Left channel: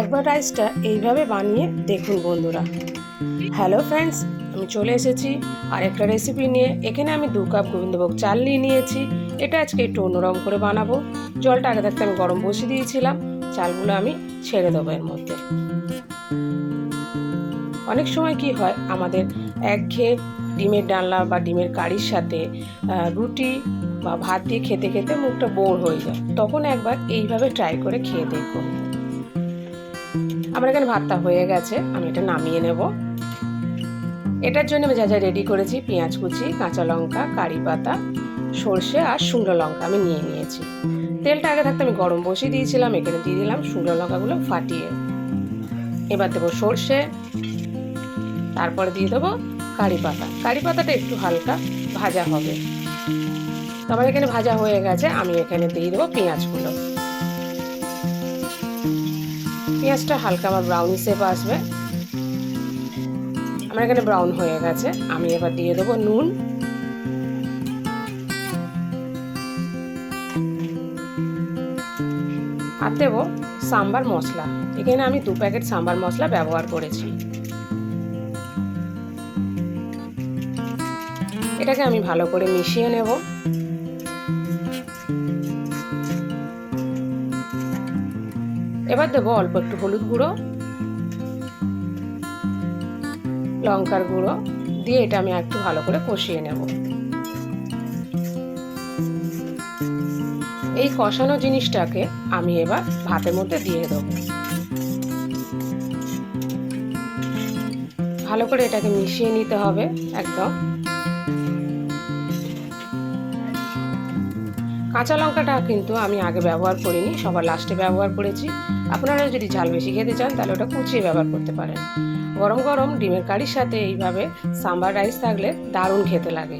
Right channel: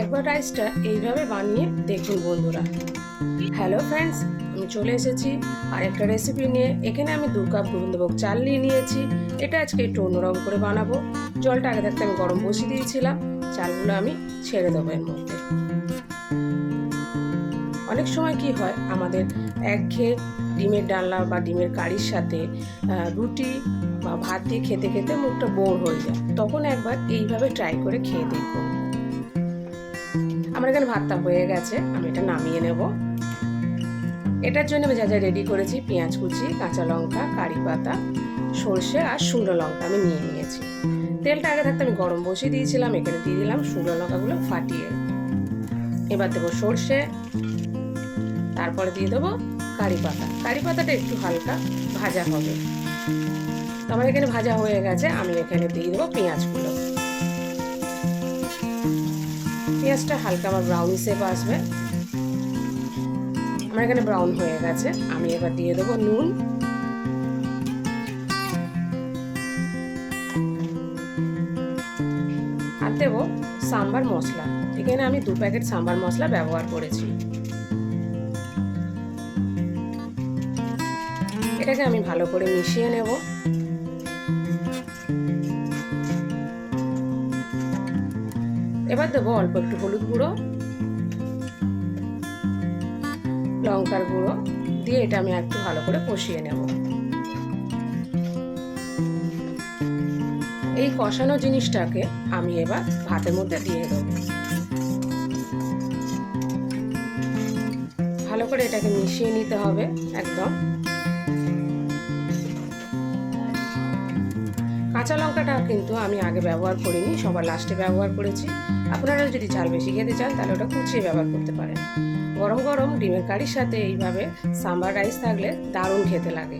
একবার রাইসটা এইভাবে বানিয়ে দেখুন বন্ধুরা। হ্যালো ফ্রেন্ডস আমি চলে এসেছি আরেকটা রেসিপি নিয়ে। এখানে আমি দু কাপ গোবিন্দভোগ চাল নিয়ে নিয়েছি। এটা আজকে একটু অন্যরকম করে বানাবো। জলটা আগে থাকতে আমি গরম বসিয়ে দিয়েছিলাম। চালগুলো আমি ছেড়ে দেবো এর মধ্যে। অনেক সময় কি হয়, আমাদের একঘেয়ে ডিমের ডালনা বা ডিমের কারির সাথে রুটি বা ভাত দিয়ে খেতে খেতে মুখটা বোর হয়ে যায়। তখন একবার এইভাবে ট্রাই করে খেয়ে দেখুন। আমার এখানে ভাতটা হয়ে গেছে, আমি এটা নামিয়ে নেব। এটার জন্য আমি যা যা রেডি করেছি, পেঁয়াজ কুচি, কাঁচা লঙ্কা, কারি পাতা, সর্ষে আর শুকনো লঙ্কা আমি নিয়ে নিয়েছি। তেলটা আগে থাকতে আমি গরম বসিয়ে দিয়েছিলাম, এখানে দিয়ে দিলাম শুকনো লঙ্কাগুলো ফাটিয়ে। এবার দেবো সর্ষে, তারপরে দিয়ে দেবো কারি পাতা। কারি পাতাটা একটু হালকা ভাজা হবে। তো আমার এখানে ভাজা হয়ে গেছে, আমি এখানে দিয়ে দেবো পেঁয়াজগুলো। পেঁয়াজটা হালকা আমার ব্রাউনি শেপ আসবে আমার এখানে ব্রাউন হয়ে গেছে। আমি এবার দিয়ে দেবো নুন। আর দেবো সাম্বার মশলা। এখানে আমি দু প্যাকেট সাম্বার মশলা ব্যবহার করেছি। এটাকে আমি ভালো করে মিশিয়ে নেব। এবার দেবো অল্প একটু হলুদ গুঁড়ো, লঙ্কার গুঁড়ো, দিয়ে এটা আমি একটু ভালো করে কষিয়ে নেব। এই কষানো জিনিসটাকে আমি এবার ভাতের মধ্যে দিয়ে দেবো। ভালো করে এটাকে মিশিয়ে নিতে হবে একদম। কাঁচা লঙ্কাটা কিন্তু আমি আগে ব্যবহার করিনি, সবার লাস্টে ব্যবহার করেছি। আপনারা যদি ঝাল বেশি খেতে চান, তাহলে ওটা কুচিয়ে ব্যবহার করতে পারেন। গরম গরম ডিমের কারির সাথে এইভাবে সাম্বার রাইস থাকলে দারুণ খেতে লাগে।